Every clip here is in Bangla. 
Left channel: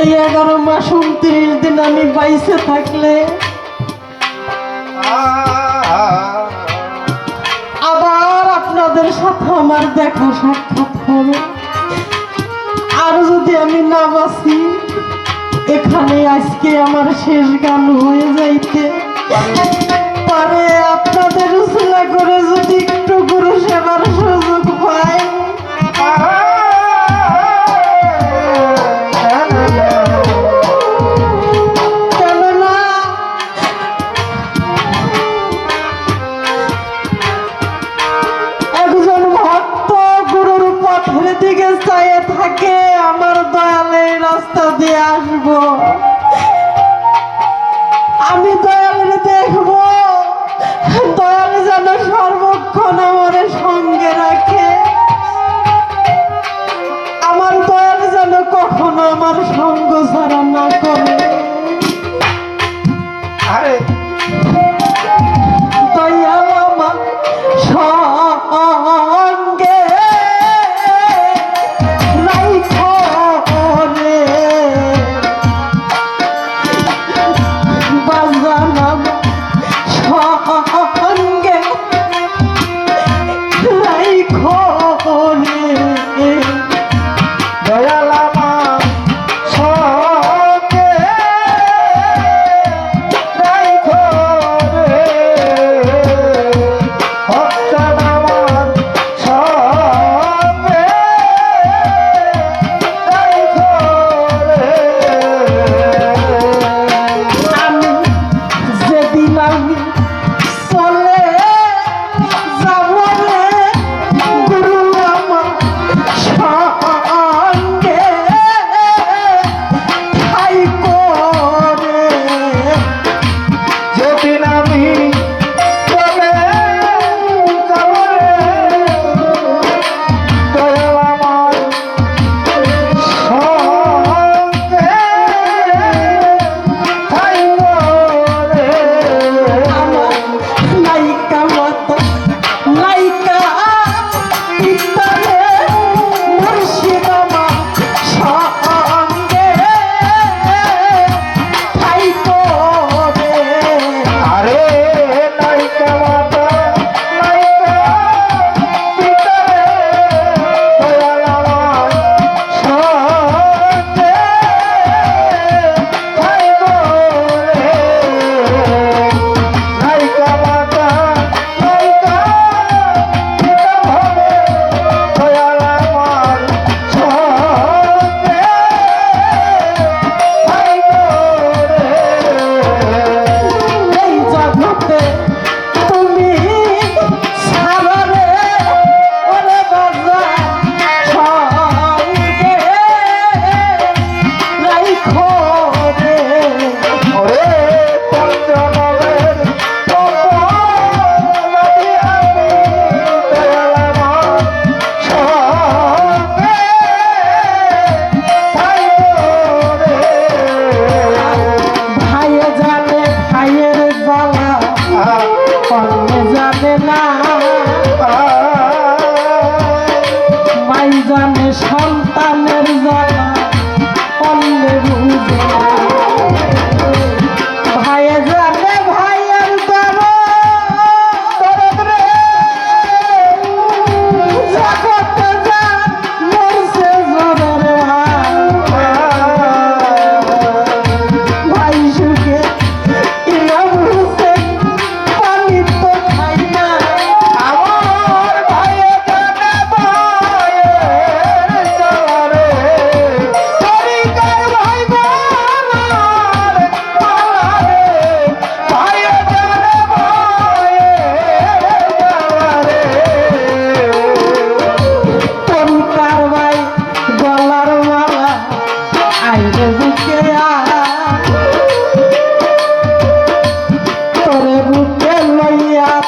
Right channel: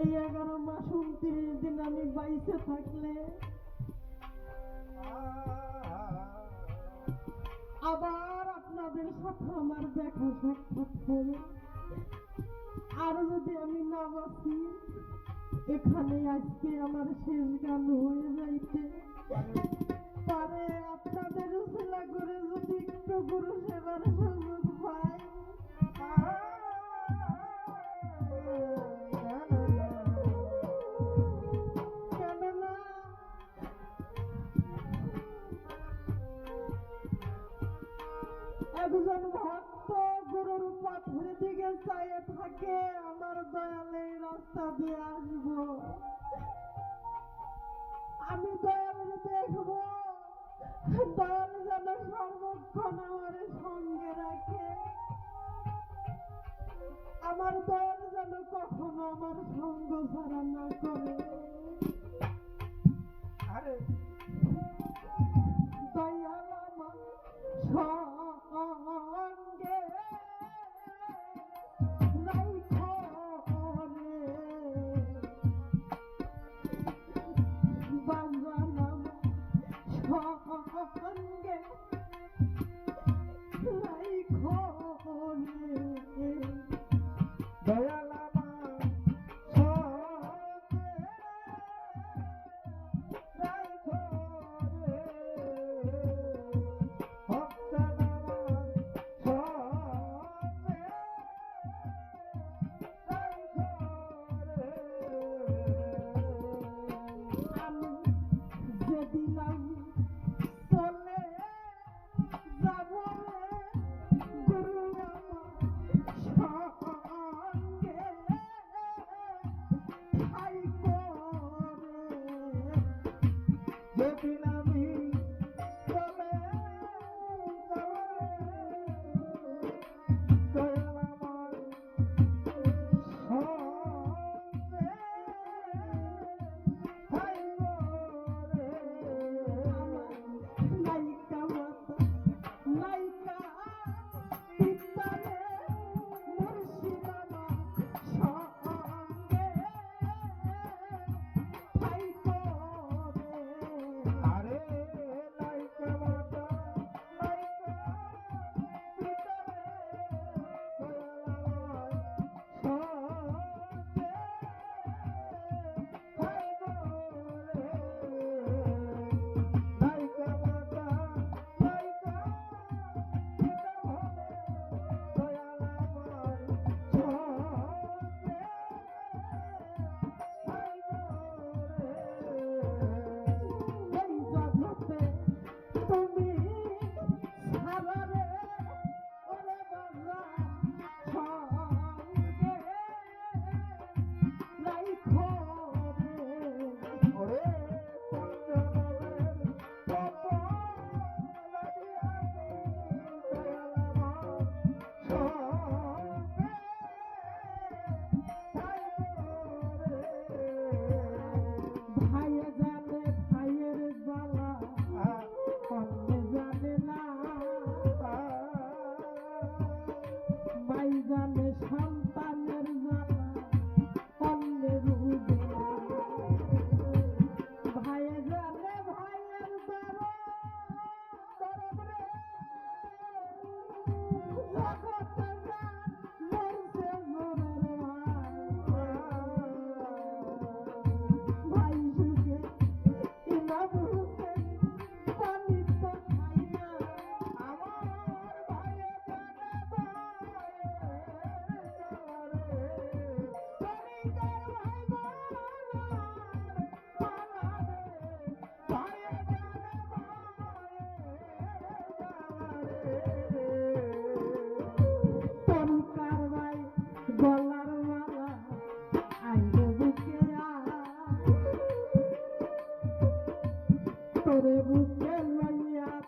এই এগারো মাস উনত্রিশ দিন আমি বাইসে থাকলে আবার আপনাদের সাথে আমার দেখা সাক্ষাৎ হবে। আর যদি আমি না বাঁচি, এখানে আজকে আমার শেষ গান হয়ে যাইতে পারে। আপনাদের উসলা করে যদি একটু গুরু সেবার সুযোগ পাই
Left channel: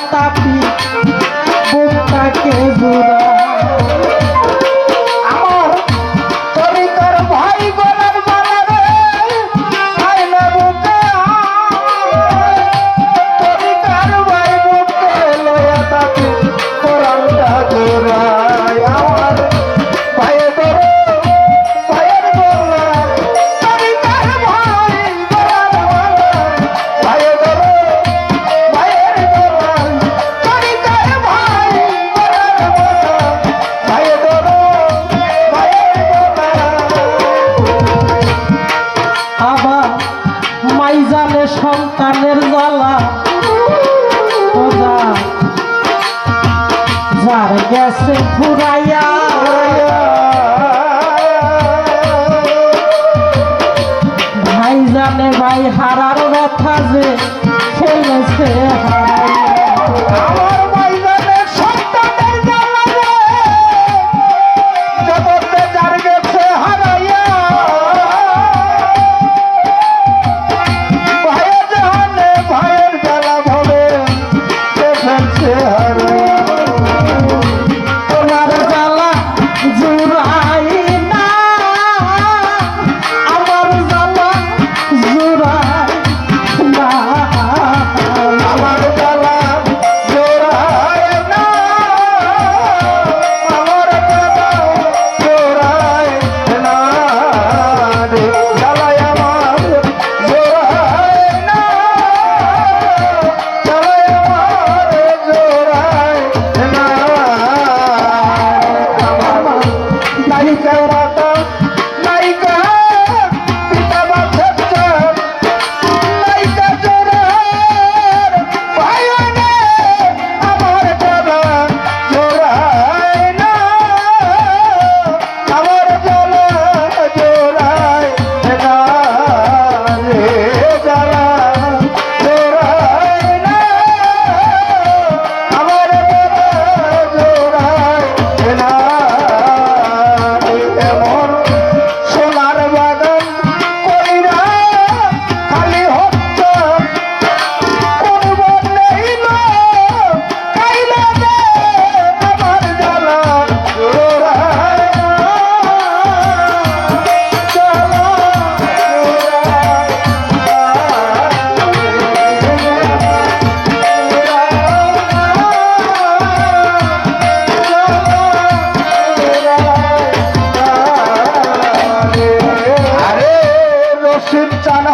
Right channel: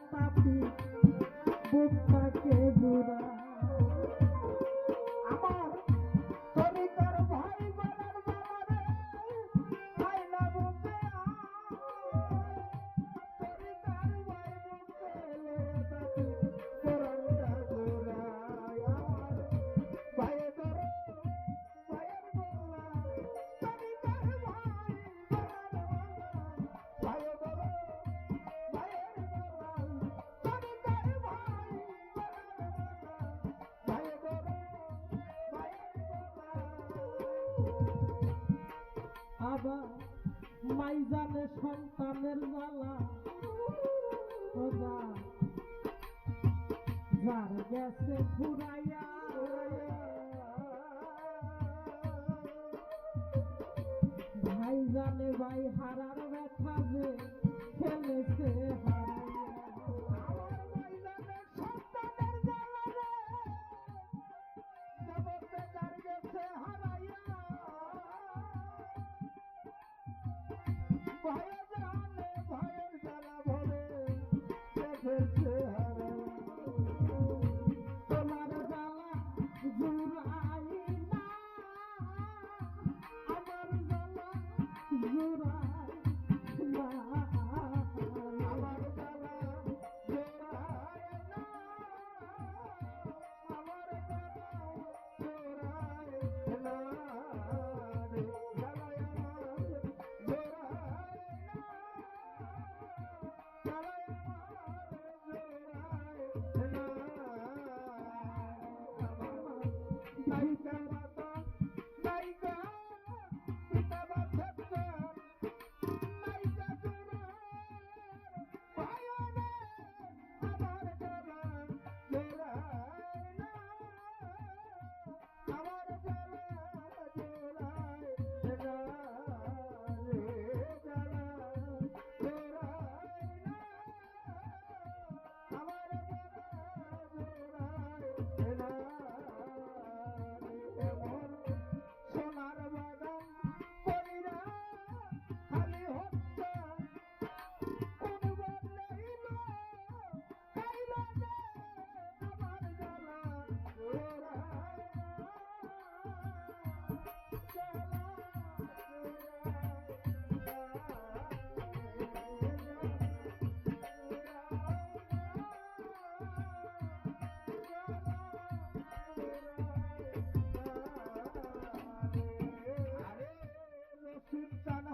tapi শিব চান